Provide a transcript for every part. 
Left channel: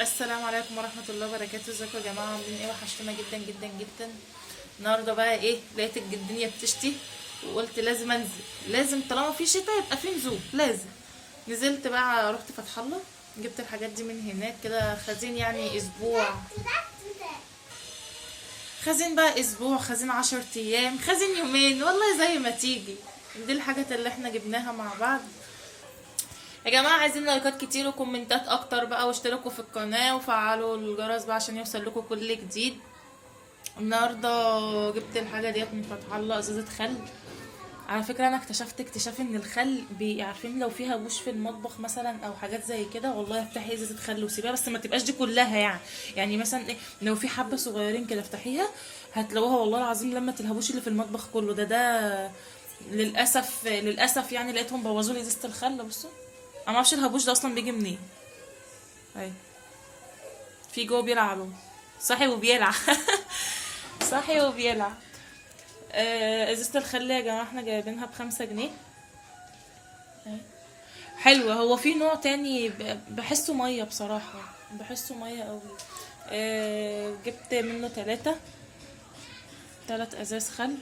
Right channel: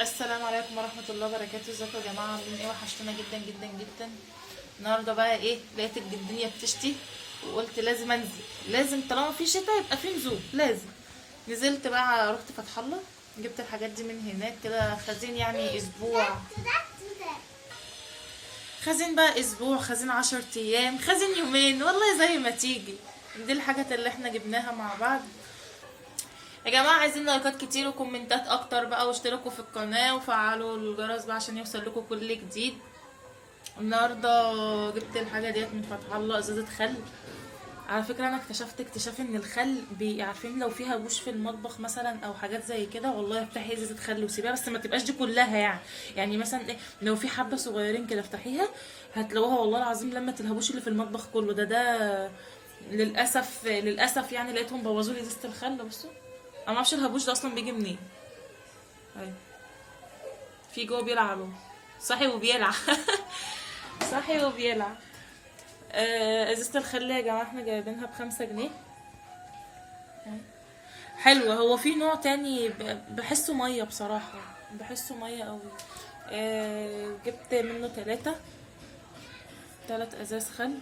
السلام عليكم ورحمة الله وبركاته. ازيكم يا جماعة؟ عاملين ايه؟ وحشتونا جدا جدا جدا. النهارده بقى ايه، لقيت الدنيا بتشتي وقلت لازم انزل، لازم طالما في شتا يبقى في نزول، لازم. نزلت بقى، رحت فتح الله، جبت الحاجات دي من هناك كده. خزين يعني اسبوع، خزين بقى اسبوع، خزين 10 ايام، خزين يومين، والله زي ما تيجي. دي الحاجات اللي احنا جبناها مع بعض. يا جماعة عايزين لايكات كتير وكومنتات اكتر بقى، واشتركوا في القناة وفعلوا الجرس بقى عشان يوصل لكم كل جديد. النهاردة جبت الحاجة ديت من فتح الله، ازازة خل. على فكرة انا اكتشفت اكتشاف ان الخل عارفين لو فيها بوش في المطبخ مثلا او حاجات زي كده، والله افتحي ازازة خل وسيبيها، بس ما تبقاش دي كلها يعني مثلا ايه، لو في حبة صغيرين كده افتحيها هتلاقوها والله العظيم لما الهبوش اللي في المطبخ كله ده للاسف للاسف يعني لقيتهم بوظوا لي ازازة الخل. بصوا انا معرفش الهبوش ده اصلا بيجي منين. اهي في جوه بيلعبوا، صاحي وبيلعب صاحي وبيلعب. ازازة الخل يا جماعة احنا جايبينها ب5 جنيه. حلوة. هو في نوع تاني بحسه مية بصراحة، بحسه مية قوي. جبت منه 3 ازاز خل.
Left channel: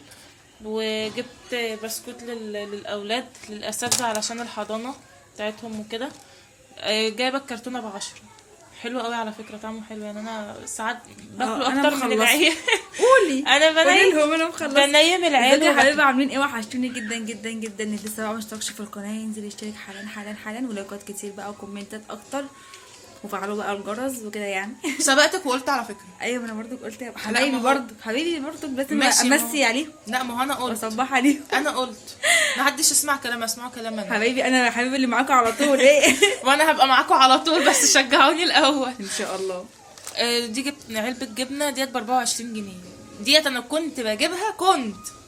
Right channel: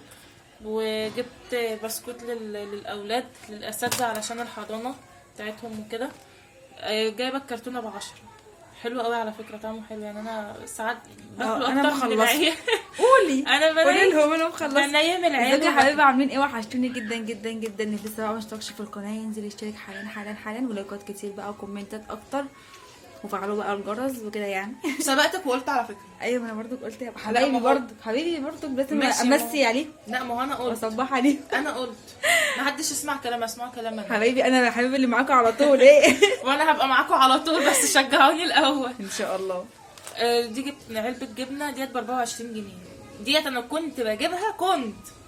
وجبت بسكوت للأولاد، للأساتذة علشان الحضانة بتاعتهم وكده. جايبة الكرتونة ب10. حلو قوي على فكرة، طعمه حلو يعني. انا ساعات باكله انا اكتر من مخلصه. العيال. قولي انا قولي بنيم لهم انا مخلصه. بنيم العيال ازيكم يا وباكل. حبايبي، عاملين ايه؟ وحشتوني جدا جدا جدا. اللي لسه بقى مشتركش في القناه ينزل يشترك حالا حالا حالا، ولايكات كتير بقى وكومنتات اكتر، وفعلوا بقى الجرس وكده يعني. سبقتك وقلت على فكرة. ايوه، ما انا برضو قلت يا لا، حبايبي، ما هو حبيبي برضو لازم ماشي. ما امسي عليهم لا، ما هو انا قلت. واصبح عليهم. انا قلت ما حدش يسمع كلام، اسمعوا كلام انا. حبايبي انا حبيبي اللي معاكم على طول ايه. ما انا هبقى معاكم على طول، بس شجعوني الاول. ان شاء الله. دي جبت علبة جبنة ديت ب24 جنيه. ديت انا كنت بجيبها،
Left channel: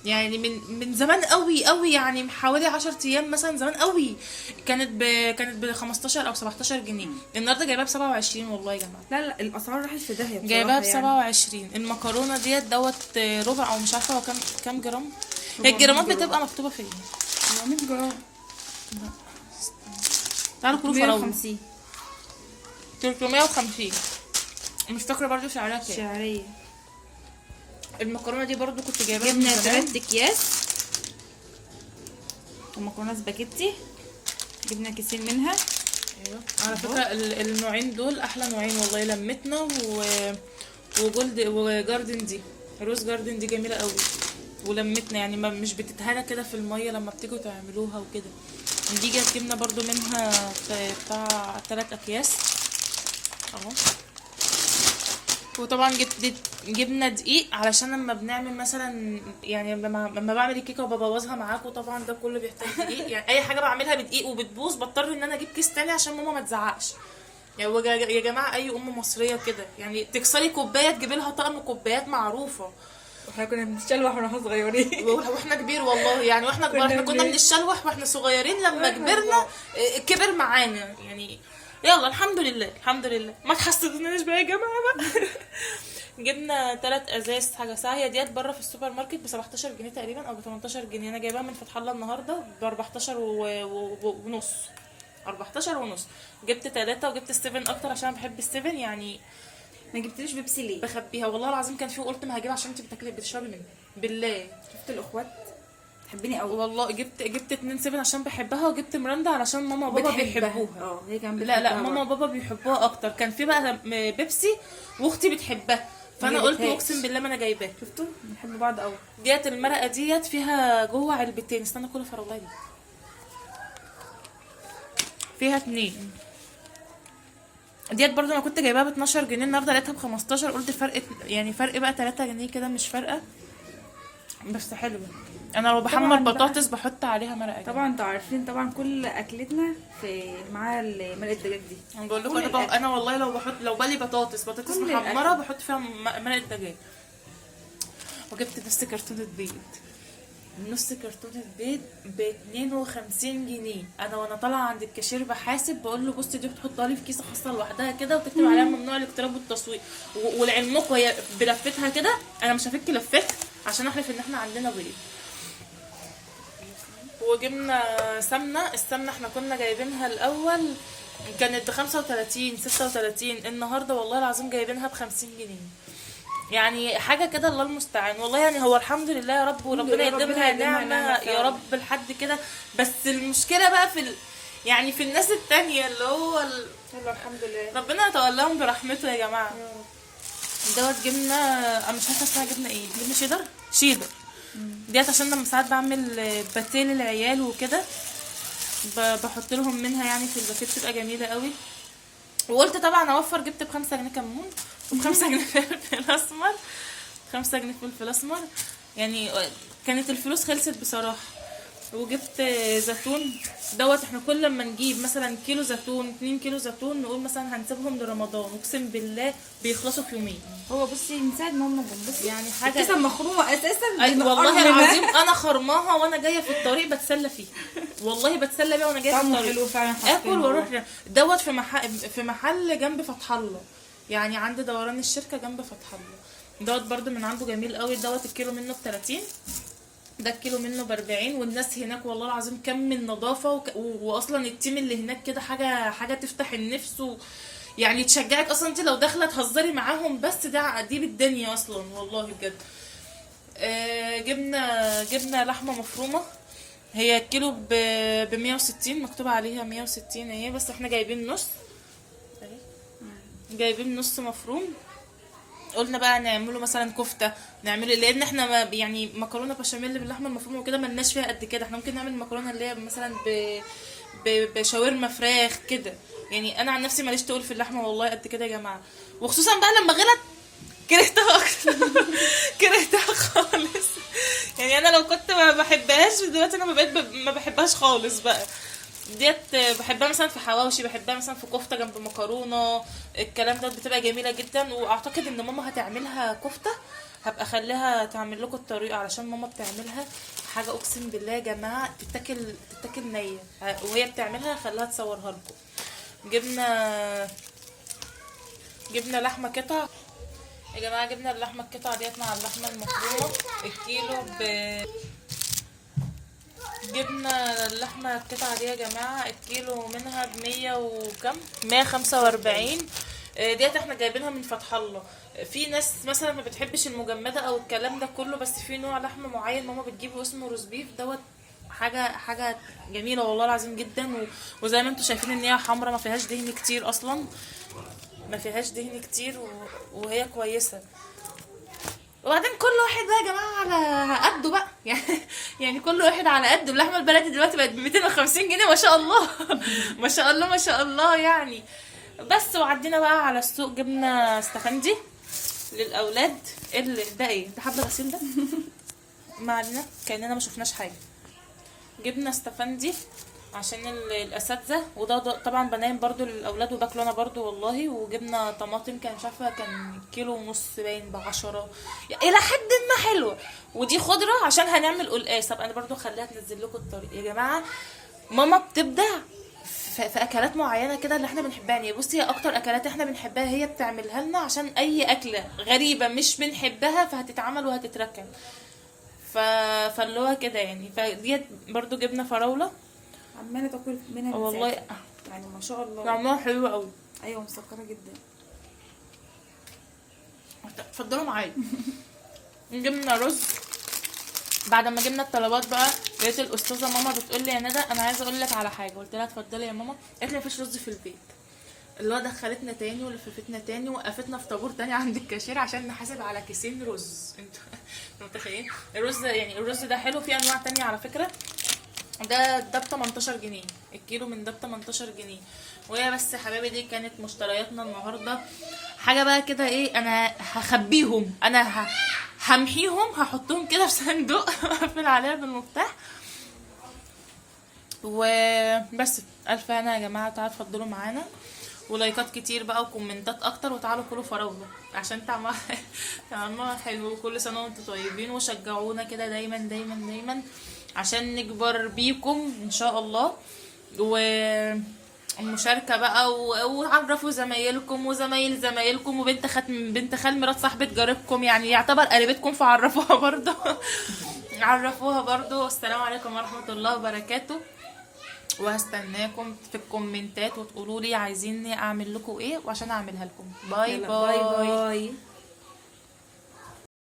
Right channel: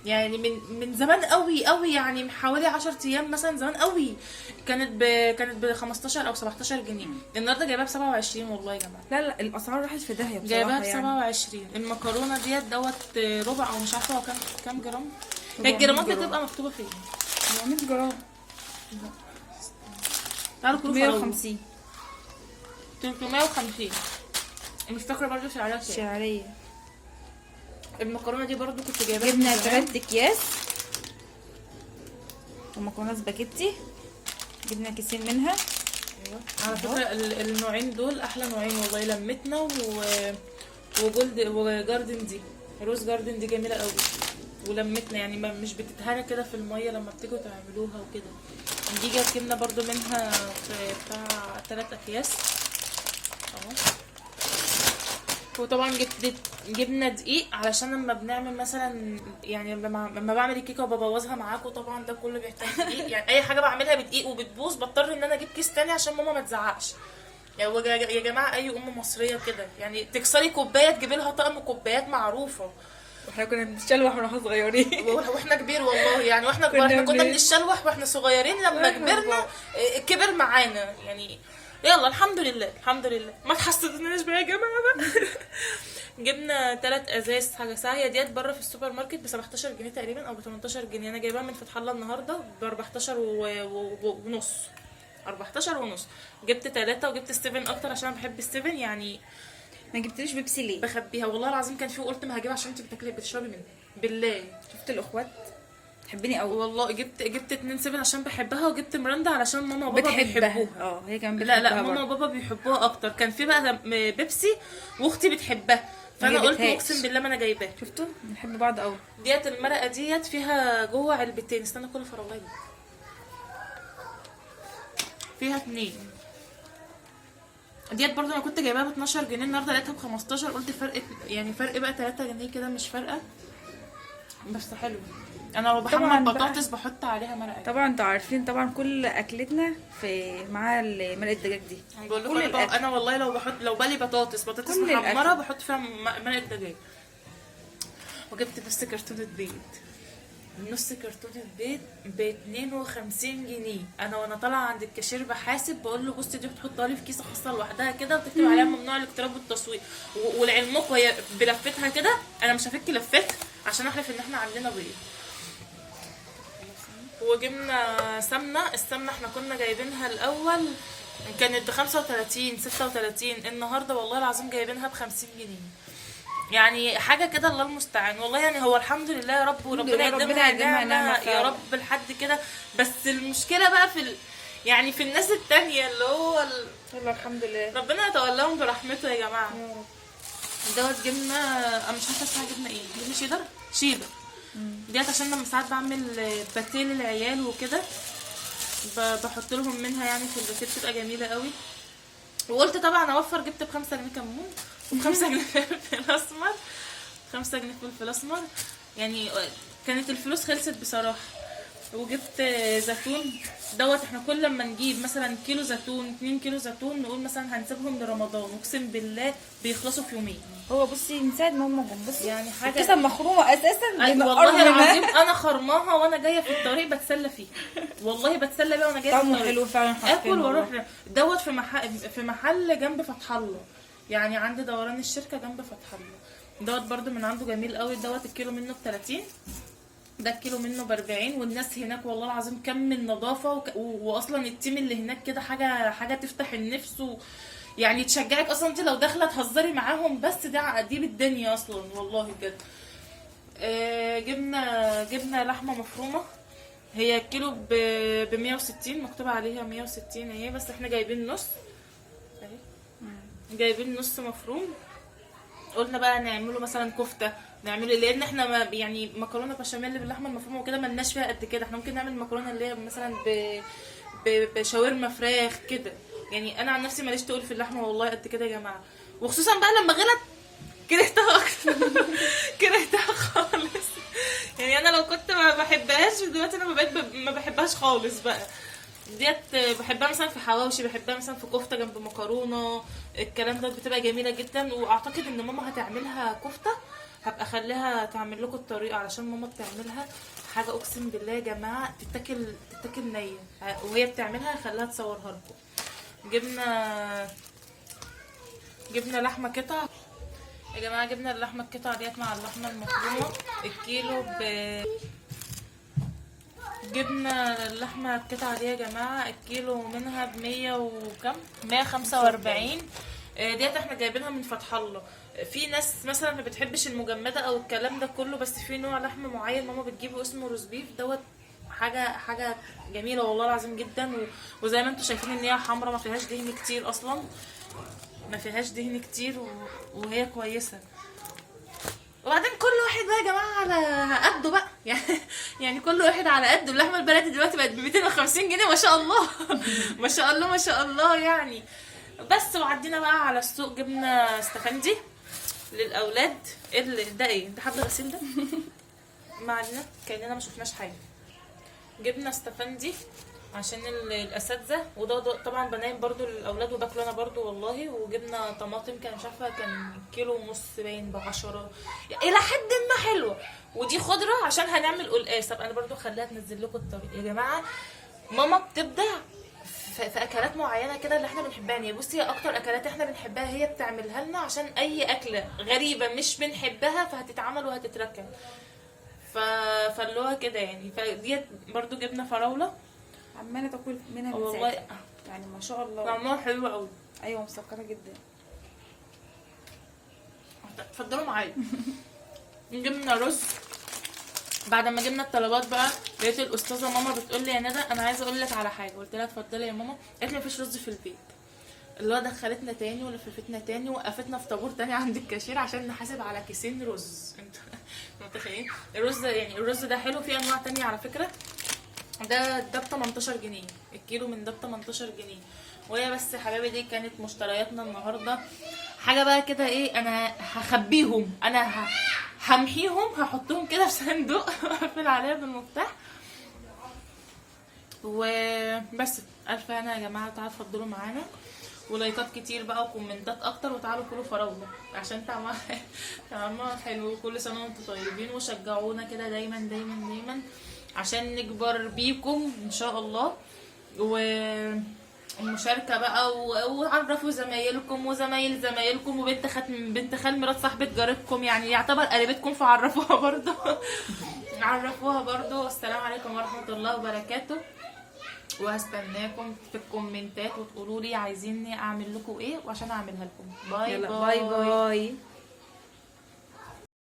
يعني من زمان قوي قوي، يعني من حوالي 10 ايام مثلا، زمان قوي. كانت ب 15 او 17 جنيه. النهارده جايباها ب27 والله يا جماعه. لا لا، الاسعار راحت في داهيه جايباها بصراحه يعني. ب27. المكرونه ديت ربع او مش عارفه هو كام جرام. هي 400 الجرامات جرام. بتبقى مكتوبه فين؟ 400 جرام. تعالوا كلوا فراوله. 150 350. مش فاكره برضه سعرها كام. شعريه. المكرونه دي برضه كنت جايباها جبنا من زمان. 3 اكياس ومكرونه سباكيتي، جبنا كيسين منها. ايوه على فكره النوعين دول احلى نوعين والله. لمتنا وجاردن دي، روز جاردن دي جميله قوي. ولمتنا يعني ما مش بتتهرى كده في الميه لما بتيجوا تعملوها وكده. دي جبنا برضو منها بتاع 3 اكياس اهو. وطبعا جبنا دقيق علشان لما بنعمل مثلا، يعني لما بعمل الكيكه وببوظها معاكم، طبعا ده كله بيحتاج دقيق. يعني اي حاجه بعملها بدقيق وبتبوظ بضطر ان انا اجيب كيس تاني عشان ماما ما تزعقش. يعني يا جماعه اي ام مصريه كده، يعني تكسري كوبايه تجيبي لها طقم كوبايات معروفه. واحنا كنا بنتشلوح واحنا صغيرين. واحنا كبير والله، يعني واحنا كبار احنا كنا بنتشلوح واحنا صغيرين. لما كبرنا كبر معانا يعني. يلا الحمد لله الحمد لله، ما تحسدناش بقى يا جماعه بقى. جبنا 3 ازاز حاجه ساعه. هي ديت بره في السوبر ماركت ب 17 جنيه تقريبا او ب 18 جنيه. انا جايباها من فتح الله النهارده ب 14 ونص. 14 ونص. جبت 3 وجبت السيفن اكتر عشان بحب السيفن يعني. ما جبتليش بيبسي ليه؟ بخبيها والله العظيم. كان في وقلت ما هجيبها عشان انت بتشربي منها بالله. شفت الاخوات تحبني قوي. والله جبت 2 سيفن عشان بحبها، وجبت مرندا علشان ماما وبابا بتحبها. بيحبوها. هي كمان لا بتحبها ماما برضه. وبابا بيحبوها اكتر. كان في بقى بيبسي واختي بتحبها، فانا ما قلت جبتهاش. اقسم بالله ما انا جايباها. شفتوا بنحب بعض قوي. ديت المرقه ديت فيها جوه علبتين. استنى كل فراوله دي فيها 2. ديت برضو انا كنت جايباها ب 12 جنيه، النهارده لقيتها ب15. قلت فرق يعني فرق بقى 3 جنيه كده، مش فارقه بس حلو. انا لو طبعاً بحمر بقى. بطاطس بحط عليها مرقه. طبعا انتوا عارفين طبعا كل اكلتنا في مع مرقه الدجاج دي. انا بقول كل لكم الأكل. انا والله لو بالي بطاطس كل محمره الأكل. بحط فيها مرقه دجاج. وجبت نص كرتونه بيض. نص كرتونه بيض ب 52 جنيه. وانا طالعه عند الكاشير بحاسب، بقول له بصي دي بتحطها لي في كيسه خاصه لوحدها كده، وتكتب عليها ممنوع الاقتراب والتصوير. ولعلمكم هي بلفتها كده، انا مش هفك لفتها عشان احلف ان احنا عندنا بيض. وجبنا سمنه. السمنه احنا كنا جايبينها الاول كانت ب35 36، النهارده والله العظيم جايبينها ب50 جنيه. يعني حاجه كده الله المستعان والله. يعني هو الحمد لله يا رب، وربنا لله، يديمها ربنا يديمها نعمة نعمة يا فعلا. رب لحد كده. بس المشكله بقى يعني في الناس التانية اللي هو يلا الحمد لله. ربنا يتولاهم برحمته يا جماعه. يا رب. دوت جبنه، انا مش عارفه اسمها جبنه ايه، جبنه شيدر ديت، عشان لما ساعات بعمل باتيه للعيال وكده بحط لهم منها يعني في الباتيه، بتبقى جميله قوي. وقلت طبعا اوفر، جبت ب5 جنيه كمون و5 جنيه فلفل اسمر، 5 جنيه فلفل اسمر. يعني كانت الفلوس خلصت بصراحه. وجبت زيتون دوت. احنا كل لما نجيب مثلا كيلو زيتون 2 كيلو زيتون نقول مثلا هنسيبهم لرمضان، اقسم بالله بيخلصوا في يومين. هو بصي من ساعه ما هم جم بصي يعني حاجه الكيسه مخرومه اساسا والله العظيم انا خرماها وانا جايه في الطريق بتسلى فيها، والله بتسلى بيها وانا جايه في طعمه الطريق. حلو فعلا. اكل واروح دوت في محل جنب فتح الله، يعني عند دوران الشركه جنب فتح الله. دوت برده من عنده جميل قوي. دوت الكيلو منه ب30، ده الكيلو منه ب40. والناس هناك والله العظيم كم من نظافه واصلا التيم اللي هناك كده حاجه تفتح النفس يعني تشجعك اصلا. انت لو داخله تهزري معاهم بس دي بالدنيا اصلا والله بجد. جبنا لحمه مفرومه، هي الكيلو ب 160، مكتوب عليها 160 اهي، بس احنا جايبين نص مفروم. قلنا بقى نعمله مثلا كفته، نعمله لان احنا ما يعني مكرونه بشاميل باللحمه المفرومه وكده ملناش فيها قد كده. احنا ممكن نعمل مكرونه اللي هي مثلا بشاورما فراخ كده. يعني انا عن نفسي ماليش تقول في اللحمه والله قد كده يا جماعه، وخصوصا بقى لما غلط كرهتها اكتر. كرهتها خالص. يعني انا لو كنت ما بحبهاش دلوقتي انا بقيت ما بحبهاش خالص بقى. ديت بحبها مثلا في حواوشي، بحبها مثلا في كفته جنب مكرونه، الكلام ده بتبقى جميله جدا. واعتقد ان ماما هتعملها كفته، هبقى اخليها تعمل لكم الطريقه، علشان ماما بتعملها حاجه اقسم بالله يا جماعه تتاكل نيه، وهي بتعملها خليها تصورها لكم. جبنا لحمه قطع يا جماعه. جبنا اللحمه القطع ديت مع اللحمه المفرومه الكيلو جبنا اللحمه القطعه دي يا جماعه الكيلو منها ب100 وكم 145. ديت احنا جايبينها من فتح الله. في ناس مثلا ما بتحبش المجمده او الكلام ده كله، بس في نوع لحمه معين ماما بتجيبه اسمه روز بيف دوت، حاجه جميله والله العظيم جدا. وزي ما انتم شايفين ان هي حمرا، ما فيهاش دهن كتير اصلا، ما فيهاش دهن كتير وهي كويسه. وبعدين كل واحد بقى يا جماعه على قده بقى. يعني كل واحد على قده. اللحمه البلدي دلوقتي بقت ب 250 جنيه ما شاء الله. ما شاء الله ما شاء الله يعني. بس وعدينا بقى على السوق، جبنا استفندي للاولاد. ده ايه ده؟ حبل غسيل ده. ما علينا كاننا ما شفناش حاجه. جبنا استفندي عشان الاساتذه، وده طبعا بنام برضو للاولاد وباكله انا برضو والله. وجبنا طماطم، كان مش عارفه كان كيلو ونص باين ب10 الى حد ما حلوه. ودي خضره عشان هنعمل قلقاس، انا برضو خليها تنزل لكم الطريق يا جماعه. ماما بتبدع في اكلات معينه كده اللي احنا بنحبها. يعني بصي، هي اكتر اكلات احنا بنحبها هي بتعملها لنا، عشان اي اكله غريبه مش بنحبها فهتتعمل وهتتركن. فاللي هو كده يعني. فديت برضو جبنا فراوله عماله تاكل منها والله، يعني ما شاء الله طعمها حلو قوي. ايوه مسكره جدا. اتفضلوا معايا. جبنا رز. بعد ما جبنا الطلبات بقى لقيت الاستاذه ماما بتقول لي يا ندى انا عايزه اقول لك على حاجه. قلت لها اتفضلي يا ماما. قالت لي مفيش رز في البيت. اللي هو دخلتنا تاني ولففتنا تاني، وقفتنا في طابور تاني عند الكاشير عشان نحاسب على كيسين رز. انتوا متخيلين الرز؟ يعني الرز ده حلو، في انواع تانية على فكره. ده ب 18 جنيه الكيلو، من ده ب 18 جنيه. وهي بس يا حبايبي دي كانت مشترياتنا النهارده. حاجه بقى كده ايه، انا هخبيهم، انا همحيهم، هحطهم كده في صندوق اقفل عليها بالمفتاح وبس. الف هنا يا جماعه. تعالوا اتفضلوا معانا، ولايكات كتير بقى وكومنتات اكتر، وتعالوا كلوا فراوله عشان طعمها حلو. كل سنه وانتم طيبين، وشجعونا كده دايما دايما دايما عشان نكبر بيكم ان شاء الله. والمشاركه بقى، وعرفوا زمايلكم وزمايل زمايلكم، بنت خال مرات صاحبه جارتكم، يعني يعتبر قريبتكم، فعرفوها برضه. عرفوها برضه. والسلام عليكم ورحمه الله وبركاته. وهستناكم في الكومنتات وتقولوا لي عايزيني اعمل لكم ايه وعشان اعملها لكم. باي يلا باي. باي باي.